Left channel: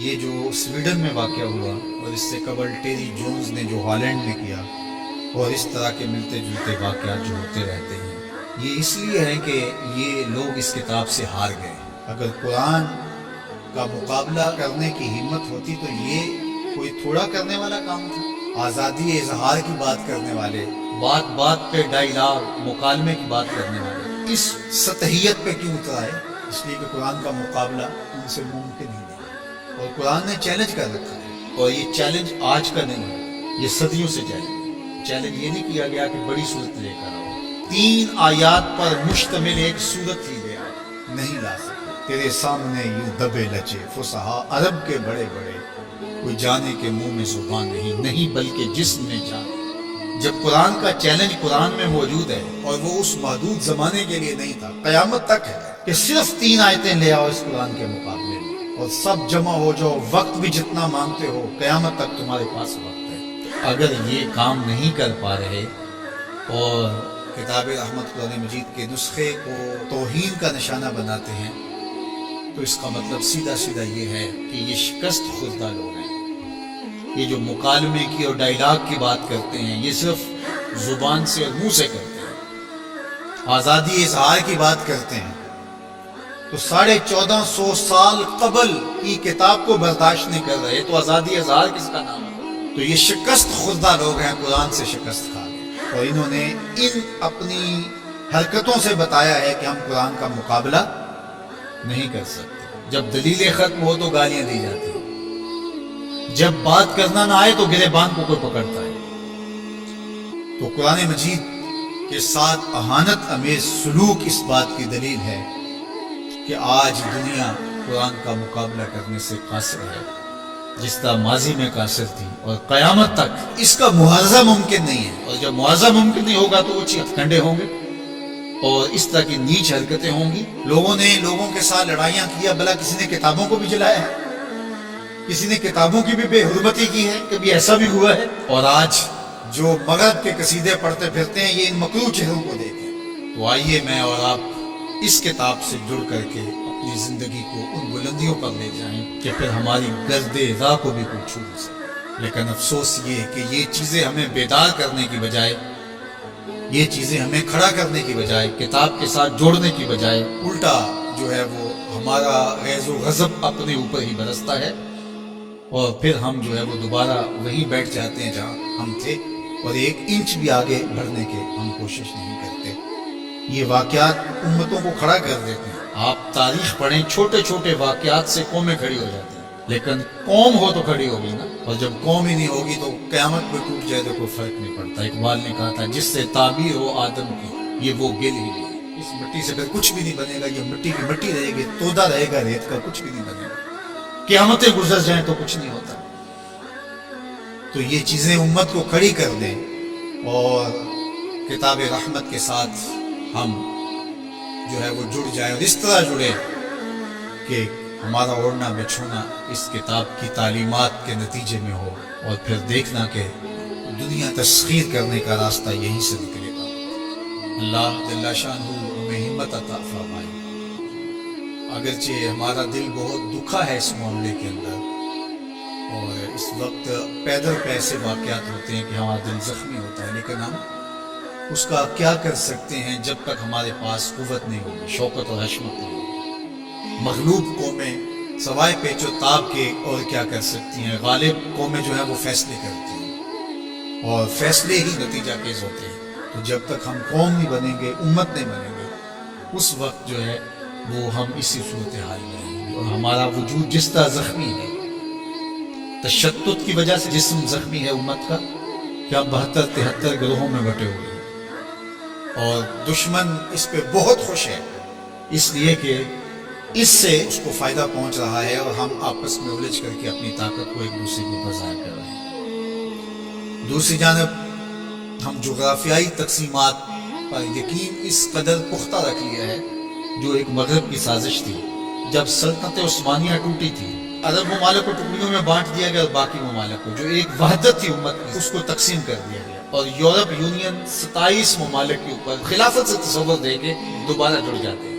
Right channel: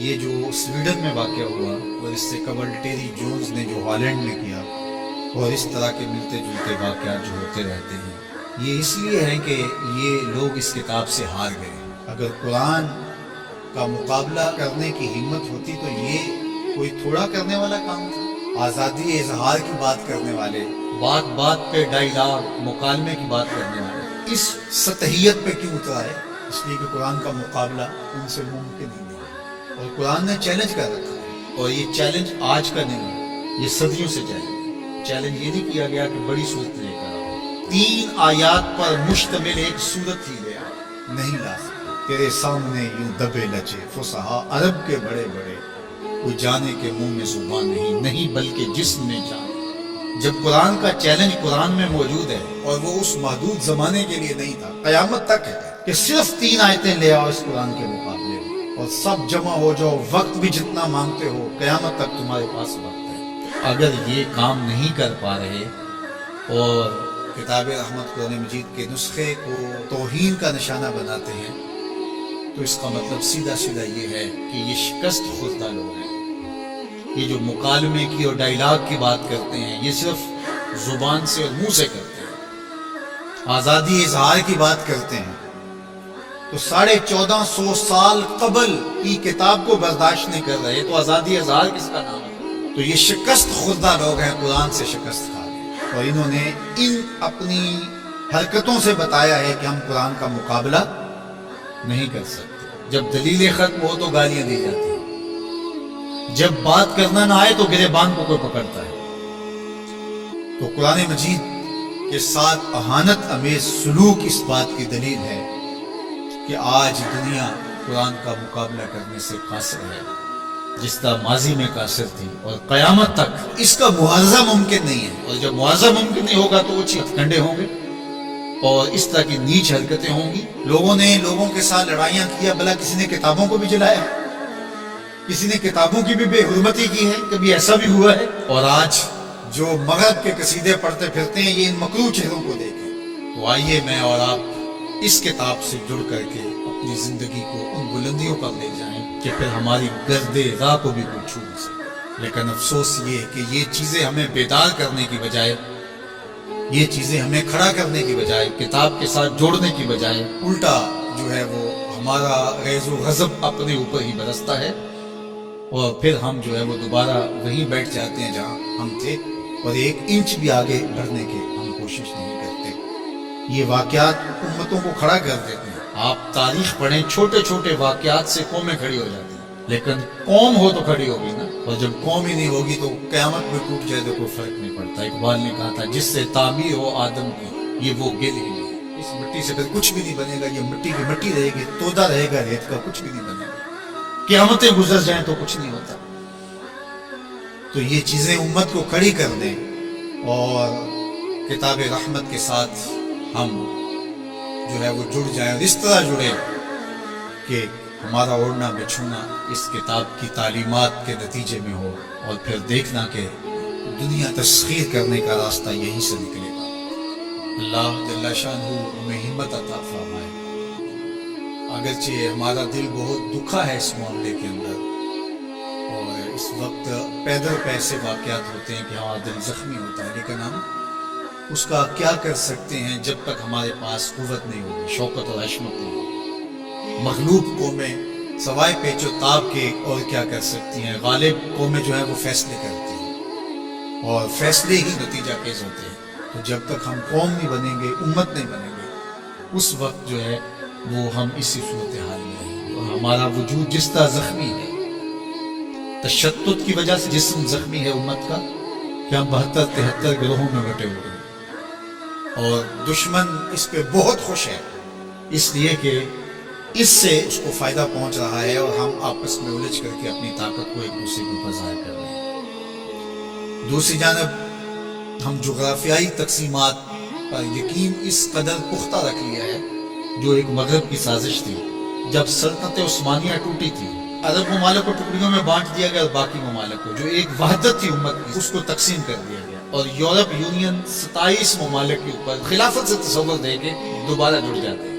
یہ جو سویڈن میں واقع ہوا اور اس سے قبل ٹیری جونز نے جو ہالینڈ میں کیا، اور اس طرح کے ملتے جلتے واقعات جو ہوتے رہتے ہیں، یہ اس لیے ہیں کہ یہ لوگ اس کتاب سے ہار گئے۔ اگر قرآن کا مقابلہ کرنے کی ہمت ہوتی تو یہ کوئی تھوڑا کرنے والا کام تھا۔ آزادی اظہار کی بات کرنے والے، بات بات پہ ڈائلاگ مکالمے کی بات کرنے والے اس سطحیت پہ کیوں اترا ہے؟ اس لیے کہ قرآن کا مقابلہ ان سے ممکن ہی نہیں، اور قرآن نے چیلنج کر رکھا ہے، اور یہ چیلنج آج کا نہیں ہے، یہ صدیوں سے چیلنج یہ نہیں کیا گیا کہ بڑی صورت لے کر آؤ، 3 آیات پر مشتمل ایک صورت ہی لے آؤ، نہیں لا سکتے۔ تیرے سامنے یوں دبے لچے فصحا عرب کے بڑے بڑے، کوئی جانے کے منہ میں زبان نہیں بلکہ جسم میں جان۔ جب قرآن کا چیلنج قرآن میں موجود ہے، اور وہ اس محدود زمانے کے لیے نہیں تھا، قیامت تک ہے کہ صرف 3 آیتیں لے آؤ اس قرآن کے مقابلے میں، اور سب جمع ہو جاؤ، وقت بھی جتنا مانگتے ہو، قیامت تک تمہارے پاس وقت ہے۔ اگر یہ کام نہیں کر پا رہے اور کتاب رحمت قرآن مجید کے نسخے کو توہین کا نشانہ بناتے ہیں، تو اس کا مطلب سیدھا سیدھا یہ ہے کہ یہ شکست خوردہ لوگ ہیں۔ یہ جو مکالمے کی اور ڈائلاگ کی بات کرتے ہیں، یہ صرف زبان سے اور منہ سے کرتے ہیں۔ آزادی اظہار کی بات کرتے ہیں تو 1450 سال قبل کی کتاب کو برداشت نہیں کر رہے، تو آزادی اظہار کس کا نام ہے؟ تو یہ شکست خوردہ لوگ ہیں، قرآن سے شکست کھا گئے، اور انہوں نے ان اپنی حرکتوں سے بتایا ہے کہ ہم قرآن کا مقابلہ نہیں کر سکتے۔ جب دلیلیں ختم ہو تو گالیاں دی جاتی ہیں، جب بات کرنا نہ آئے تو گریبان کو کوئی پکڑتا ہے۔ تو قرآن مجید کے ساتھ اہانت امیز سلوک اس بات کی دلیل ہے کہ آج دنیا قرآن کا مقابلہ کرنے سے قاصر ہے، جس طرح ماضی میں قاصر تھی، اور قیامت تک اس کا معاوضہ ممکن نہیں ہے، اور جب معاوضہ ممکن نہیں ہوگا تو اونچے ہتھکنڈے ہوں گے اور اس طرح کی نیچ حرکتیں ہوں گی۔ لوگوں نے لوگوں کے ساتھ لڑائیاں کیا، بھلا کسی نے کتابوں کو بھی جلایا ہے، کسی نے کتابوں کی بھی بے حرمتی کی ہے، کبھی ایسا بھی ہوا ہے؟ اور آج جو مغرب کے قصیدے پڑھتے پھرتے ہیں، یہ ان مکروہ چہروں کو دیکھیں۔ تو آئیے میں اور آپ اس کتاب سے جڑ کر کے اپنی زندگی کو ان بلندیوں پر لے جائیں کہ پھر ہماری گرد راہ کو بھی کوئی چھو نہ سکے۔ لیکن افسوس یہ کہ یہ چیزیں ہمیں بیدار کرنے کی بجائے، یہ چیزیں ہمیں کھڑا کرنے کی بجائے، کتاب کے ساتھ جوڑنے کی بجائے، الٹا جو ہے وہ ہمارا غیظ و غضب اپنے اوپر ہی برستا ہے، اور پھر ہم جو ہے وہ دوبارہ وہیں بیٹھ جاتے ہیں جہاں ہم تھے، اور 1 انچ بھی آگے بڑھنے کی ہم کوشش نہیں کرتے۔ یہ واقعات امتوں کو کھڑا کر دیتے ہیں۔ آپ تاریخ پڑھیں، چھوٹے چھوٹے واقعات سے قومیں کھڑی ہو جاتی ہیں، لیکن قوم ہو تو کھڑی ہوگی نا، اور جب قوم ہی نہیں ہوگی تو قیامت بھی ٹوٹ جائے تو کوئی فرق نہیں پڑتا۔ اقبال نے کہا تھا، جس سے تعبیر ہو آدم کی، یہ وہ گل ہی نہیں، اس مٹی سے پھر کچھ بھی نہیں بنے گا، یہ مٹی کی مٹی رہے گی، تودا رہے گا ریت کا، کچھ بھی نہیں بنے گا، قیامتیں گزر جائیں تو کچھ نہیں ہوتا۔ تو یہ چیزیں امت کو کھڑی کر دیں، اور کتاب رحمت کے ساتھ ہم جو ہے وہ جڑ جائیں، اور اس طرح جڑے کہ ہمارا اوڑھنا بچھونا اس کتاب کی تعلیمات کے نتیجے میں ہو، اور پھر دیکھنا کہ دنیا تسخیر کرنے کا راستہ یہیں سے نکلے گا۔ اللہ جل شانہ ہمیں ہمت عطا فرمائے۔ اگرچہ ہمارا دل بہت دکھا ہے اس معاملے کے اندر، اور اس وقت پیدر پہ ایسے واقعات ہوتے ہیں کہ ہمارا دل زخمی ہوتا ہے، لیکن ہم اس کا کیا کر سکتے ہیں جب تک ہمارے پاس قوت نہیں ہوگی، شوکت اور حشمت نہیں ہوگی۔ مغلوب قومیں سوائے پیچ و تاب کے اور کیا کر سکتی ہیں؟ غالب قومیں جو ہیں وہ فیصلے کرتی ہیں، اور فیصلے ہی نتیجہ خیز ہوتے ہیں۔ تو جب تک ہم قوم نہیں بنیں گے، امت نہیں بنیں گے، اس وقت جو ہے وہ ہم اسی صورتحال میں رہیں گے، اور ہمارا وجود جس طرح زخمی ہے، تشتت کی وجہ سے جسم زخمی ہے امت کا، کہ ہم 72-73 گروہوں میں بٹے ہوئے ہیں، اور دشمن اس پہ بہت خوش ہے، اس لیے کہ اس سے اس کو فائدہ پہنچ رہا ہے، اور ہم آپس میں الجھ کر کے اپنی طاقت کو ایک دوسرے کے اوپر ظاہر کر رہے ہیں۔ دوسری جانب ہم جغرافیائی تقسیمات پر یقین اس قدر پختہ رکھ لیا ہے، جو ایک مغرب کی سازش تھی۔ جب سلطنت عثمانیہ ٹوٹی تھی، عرب ممالک کو ٹکڑیوں میں بانٹ دیا گیا، اور باقی ممالک کو جو ایک وحدت تھی امت کی، اس کو تقسیم کر دیا گیا، اور یورپ یونین 27 ممالک کے اوپر خلافت سے تصور دے کے دوبارہ جڑ جاتے ہیں۔